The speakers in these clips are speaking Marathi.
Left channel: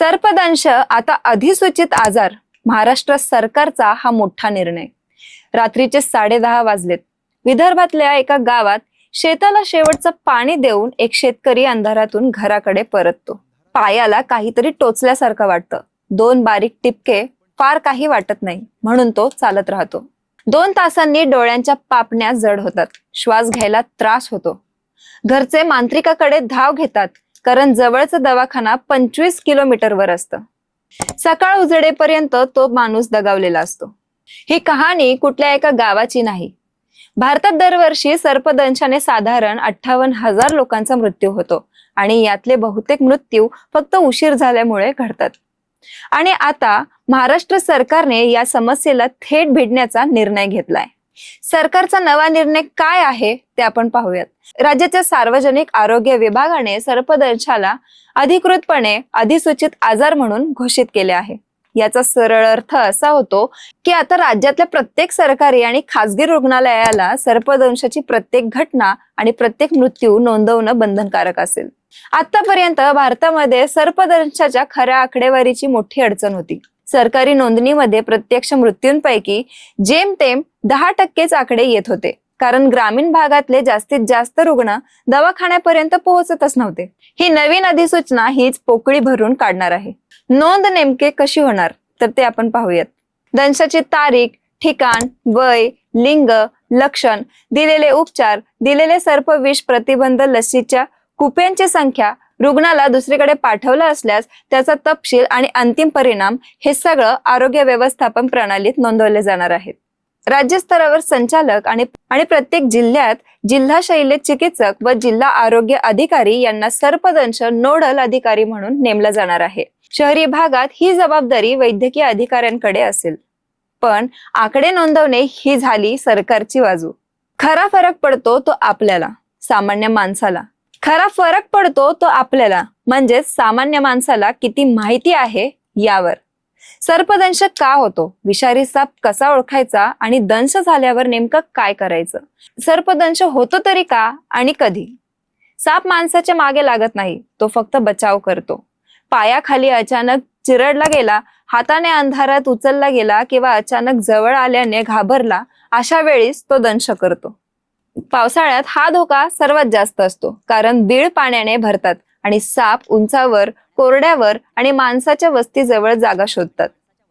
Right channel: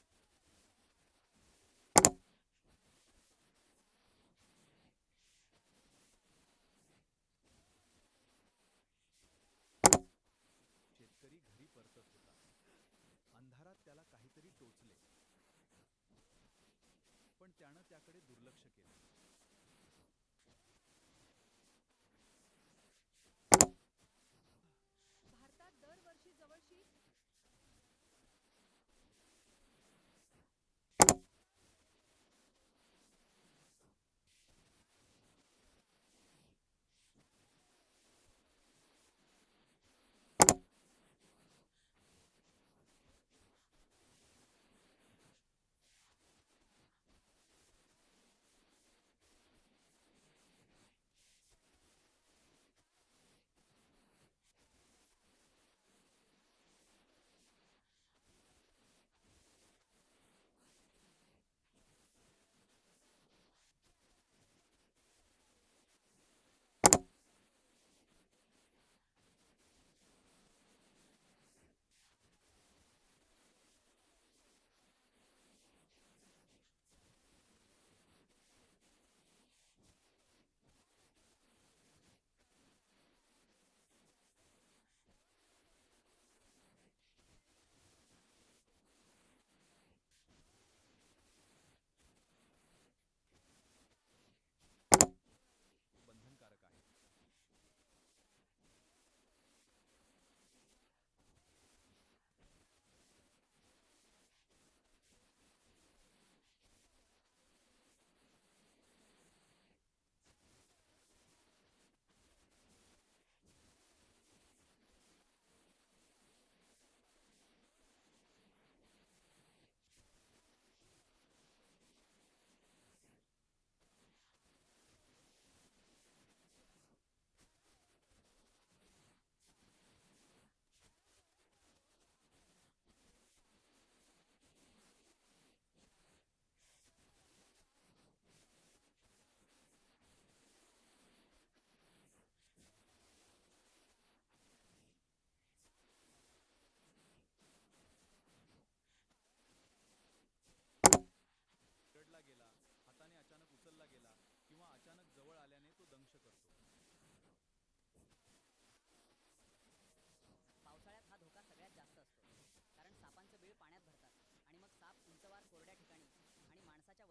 सर्पदंश आता अधिसूचित आजार. महाराष्ट्र सरकारचा हा मोठा निर्णय. रात्रीचे 10:30 वाजलेत. विदर्भातल्या एका गावात शेताला शेवटचं पाणी देऊन एक शेतकरी अंधारातून घराकडे परततो. पायाला काहीतरी टोचल्यासारखं वाटतं. 2 बारीक टिपके, फार काही वाटत नाही म्हणून तो चालत राहतो. 2 तासांनी डोळ्यांच्या पापण्या जड होतात. श्वास घ्यायला त्रास होतो. घरचे मांत्रिकाकडे धाव घेतात, कारण जवळचा दवाखाना 25 किलोमीटरवर असतं. सकाळ उजडेपर्यंत तो माणूस दगावलेला असतो. ही कहाणी कुठल्या एका गावाची नाही. भारतात दरवर्षी सर्पदंशाने साधारण 58,000 लोकांचा मृत्यू होतो आणि यातले बहुतेक मृत्यू फक्त उशीर झाल्यामुळे घडतात. आणि आता महाराष्ट्र सरकारने या समस्येला थेट भिडण्याचा निर्णय घेतलाय. सरकारचा नवा निर्णय काय आहे ते आपण पाहूयात. राज्याच्या सार्वजनिक आरोग्य विभागाने सर्पदंशाला अधिकृतपणे अधिसूचित आजार म्हणून घोषित केले आहे. याचा सरळ अर्थ असा होतो की आता राज्यातल्या प्रत्येक सरकारी आणि खासगी रुग्णालयाला सर्पदंशाची प्रत्येक घटना आणि प्रत्येक मृत्यू नोंदवणं बंधनकारक असेल. आतापर्यंत भारतामध्ये सर्पदंशाच्या खऱ्या आकडेवारीची मोठी अडचण होती. सरकारी नोंदणीमध्ये प्रत्यक्ष मृत्यूंपैकी जेमतेम 10% आकडे येत होते, कारण ग्रामीण भागातले जास्तीत जास्त रुग्ण दवाखान्यापर्यंत पोहोचतच नव्हते. ही नवीन अधिसूचना हीच पोकळी भरून काढणार आहे. नोंद नेमके कशी होणार तर ते आपण पाहूयात. दंशाची तारीख, ठिकाण, वय, लिंग, लक्षण, दिलेले उपचार, दिलेले सर्पविष प्रतिबंध लसीच्या कुप्यांची संख्या, रुग्णाला दुसरीकडे पाठवलं असल्यास त्याचा तपशील आणि अंतिम परिणाम हे सगळं आरोग्य व्यवस्थापन प्रणालीत नोंदवले जाणार आहेत. राज्यस्तरावर संचालक आणि प्रत्येक जिल्ह्यात जिल्हा शैल्य चिकित्सक व जिल्हा आरोग्य अधिकारी यांना सर्पदंश नोडल अधिकारी म्हणून नेमलं जाणार आहे. शहरी भागात ही जबाबदारी वैद्यकीय अधिकाऱ्यांकडे असेल. पण आकडे नोंदवणे ही झाली सरकारची बाजू. खरा फरक पडतो तो आपल्याला, सामान्य माणसाला. खरा फरक पडतो तो आपल्याला म्हणजे सामान्य माणसाला किती माहिती आहे यावर. सर्पदंश का होतो, विषारी साप कसा ओळखायचा आणि दंश झाल्यावर नेमकं काय करायचं, सर्पदंश होतो तरी का आणि कधी. साप माणसाच्या मागे लागत नाही, तो फक्त बचाव करतो. पायाखाली अचानक चिरडला गेला, हाताने अंधारात उचलला गेला किंवा अचानक जवळ आल्याने घाबरला, अशा वेळीच तो दंश करतो. पावसाळ्यात हा धोका सर्वात जास्त असतो, कारण बीळ पाण्याने भरतात आणि साप उंचावर, कोरड्यावर आणि माणसाच्या वस्तीजवळ जागा शोधतात.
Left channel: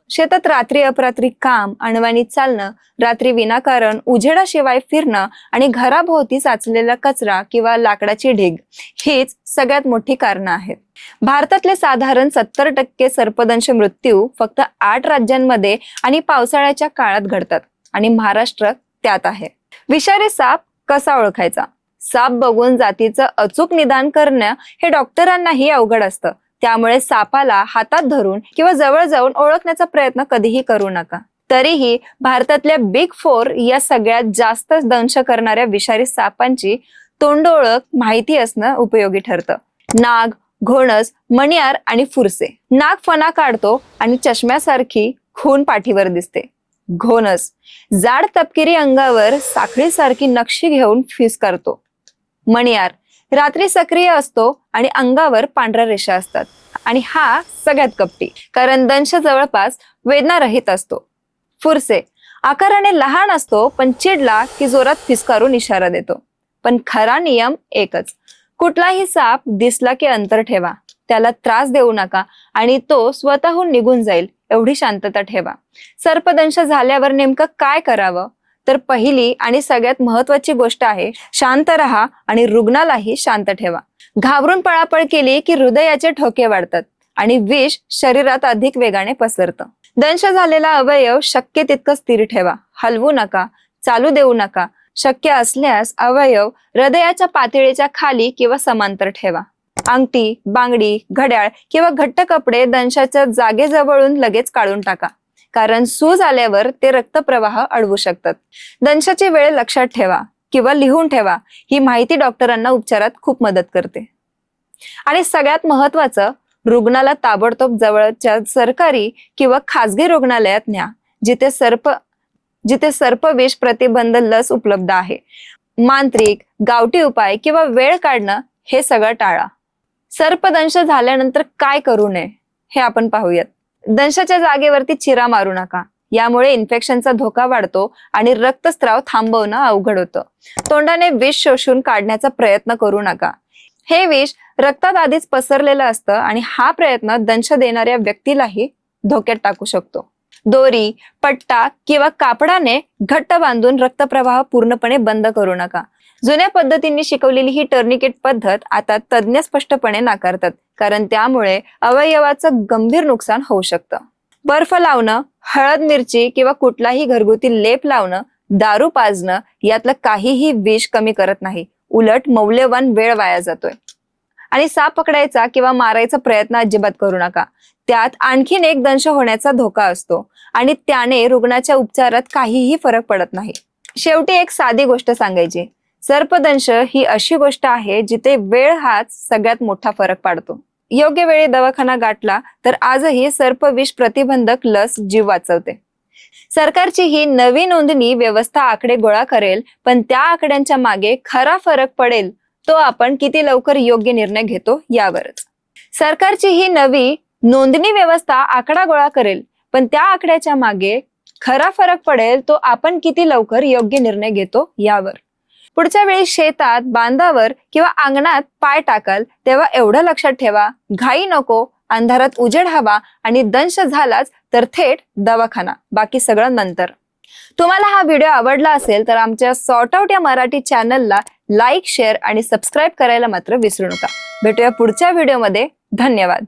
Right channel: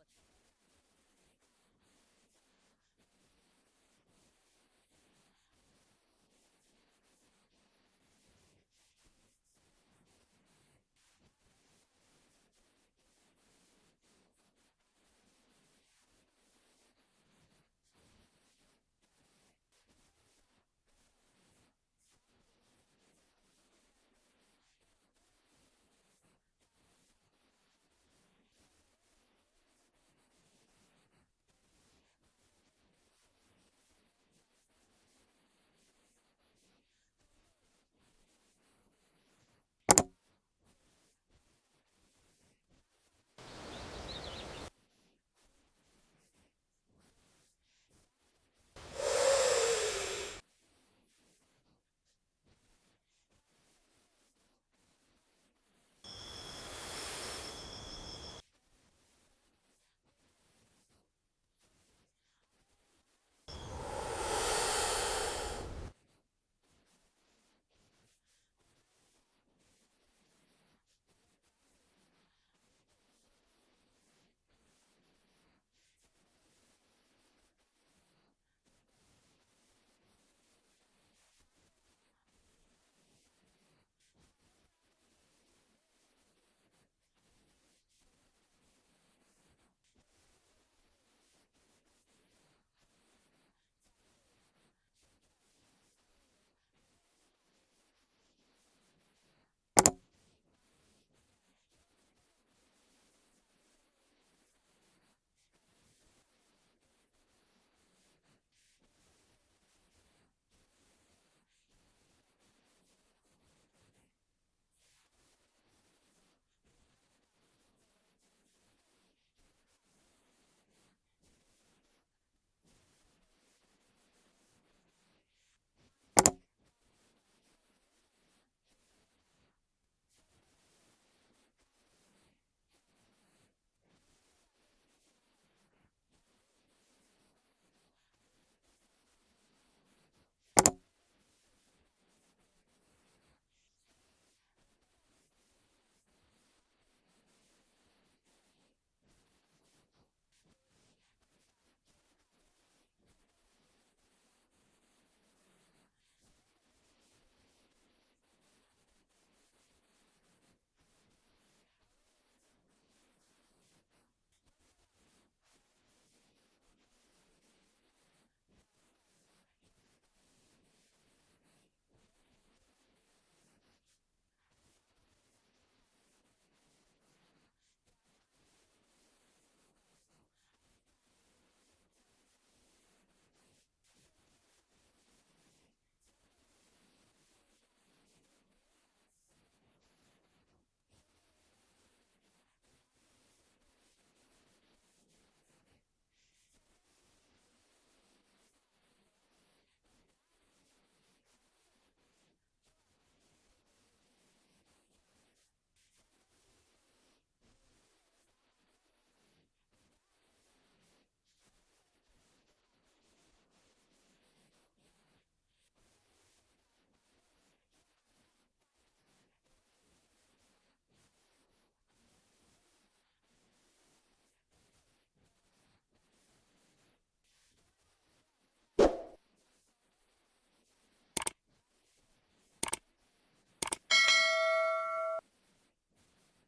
शेतात रात्री अपरात्री काम, अनवाणी चालणं, रात्री विनाकारण उजेडाशिवाय फिरणं आणि घराभोवती साचलेला कचरा किंवा लाकडाची ढीग हीच सगळ्यात मोठी कारणं आहेत. भारतातले साधारण 70% सर्पदंश मृत्यू फक्त 8 राज्यांमध्ये आणि पावसाळ्याच्या काळात घडतात आणि महाराष्ट्र त्यात आहे. विषारी साप कसा ओळखायचा? साप बघून जातीचं अचूक निदान करणं हे डॉक्टरांनाही अवघड असतं. त्यामुळे सापाला हातात धरून किंवा जवळ जाऊन ओळखण्याचा प्रयत्न कधीही करू नका. तरीही भारतातल्या बिग 4 या सगळ्यात जास्त दंश करणाऱ्या विषारी सापांची तोंडओळख माहिती असणं उपयोगी ठरतं. नाग, घोणस, मणियार आणि फुरसे. नाग फणा काढतो आणि चष्म्यासारखी खून पाठीवर दिसते. घोणस जाड तपकिरी अंगावर साखळीसारखी नक्षी घेऊन फिस करतो. मणियार रात्री सक्रिय असतो आणि अंगावर पांढऱ्या रेषा असतात आणि हा सगळ्यात कपटी, कारण दंश जवळपास वेदनारहित असतो. फुरसे आकाराने लहान असतो, पण चिडला की जोरात फिसकारून इशारा देतो. पण खरा नियम एकच, कुठलाही साप दिसला की अंतर ठेवा, त्याला त्रास देऊ नका आणि तो स्वतःहून निघून जाईल एवढी शांतता ठेवा. सर्पदंश झाल्यावर नेमकं काय करावं तर पहिली आणि सगळ्यात महत्वाची गोष्ट आहे, शांत राहा आणि रुग्णालाही शांत ठेवा. घाबरून पळापळ केली की हृदयाचे ठोके वाढतात आणि विष शरीरात अधिक वेगाने पसरतं. दंश झालेला अवयव शक्य तितकं स्थिर ठेवा, हलवू नका, चालू देऊ नका. शक्य असल्यास अवयव हृदयाच्या पातळीच्या खाली किंवा समांतर ठेवा. अंगठी, बांगडी, घड्याळ किंवा घट्ट कपडे दंशाच्या जागेजवळून लगेच काढून टाका, कारण सूज आल्यावर ते रक्तप्रवाह अडवू शकतात. दंशाची वेळ लक्षात ठेवा किंवा लिहून ठेवा. ही माहिती डॉक्टरांना उपचारात खूप मदत करते. आणि सगळ्यात महत्वाचं, रुग्णाला ताबडतोब जवळच्या सरकारी किंवा खासगी रुग्णालयात न्या, जिथे सर्पविष प्रतिबंध लस उपलब्ध आहे. मांत्रिक, गावठी उपाय किंवा वेळ काढणं हे सगळं टाळा. सर्पदंश झाल्यानंतर काय करू नये हे आपण पाहूयात. दंशाच्या जागेवरती चिरा मारू नका. यामुळे इन्फेक्शनचा धोका वाढतो आणि रक्तस्राव थांबवणं अवघड होतं. तोंडाने विष शोषून काढण्याचा प्रयत्न करू नका. हे विष रक्तात आधीच पसरलेलं असतं आणि हा प्रयत्न दंश देणाऱ्या व्यक्तीलाही धोक्यात टाकू शकतो. दोरी, पट्टा किंवा कापडाने घट्ट बांधून रक्तप्रवाह पूर्णपणे बंद करू नका. जुन्या पद्धतींनी शिकवलेली ही टर्निकेट पद्धत आता तज्ञ स्पष्टपणे नाकारतात, कारण त्यामुळे अवयवाचं गंभीर नुकसान होऊ शकतं. बर्फ लावणं, हळद, मिरची किंवा कुठलाही घरगुती लेप लावणं, दारू पाजणं यातलं काहीही विष कमी करत नाही. उलट मौल्यवान वेळ वाया जातोय. आणि साप पकडायचा किंवा मारायचा प्रयत्न अजिबात करू नका. त्यात आणखीन एक दंश होण्याचा धोका असतो आणि त्याने रुग्णाच्या उपचारात काहीही फरक पडत नाही. शेवटी एक साधी गोष्ट सांगायची. सर्पदंश ही अशी गोष्ट आहे जिथे वेळ हाच सगळ्यात मोठा फरक पाडतो. योग्य वेळी दवाखाना गाठला तर आजही सर्पविष प्रतिबंधक लस जीव वाचवते. सरकारची ही नवी नोंदणी व्यवस्था आकडे गोळा करेल, पण त्या आकड्यांच्या मागे खरा फरक पडेल तो आपण किती लवकर योग्य निर्णय घेतो यावरच. सरकारची ही नवी नोंदणी व्यवस्था आकडा गोळा करेल, पण त्या आकड्याच्या मागे खरा फरक पडेल तो आपण किती लवकर योग्य निर्णय घेतो यावर. पुढच्या वेळी शेतात, बांधावर किंवा अंगणात पाय टाकाल तेव्हा एवढं लक्षात ठेवा, घाई नको, अंधारात उजेड हवा आणि दंश झालाच तर थेट दवाखाना, बाकी सगळं नंतर. तुम्हाला हा व्हिडिओ आवडला असेल तर आमच्या सॉर्ट आउट या मराठी चॅनलला लाईक, शेअर आणि सबस्क्राईब करायला मात्र विसरू नका. भेटूया पुढच्या व्हिडिओमध्ये. धन्यवाद.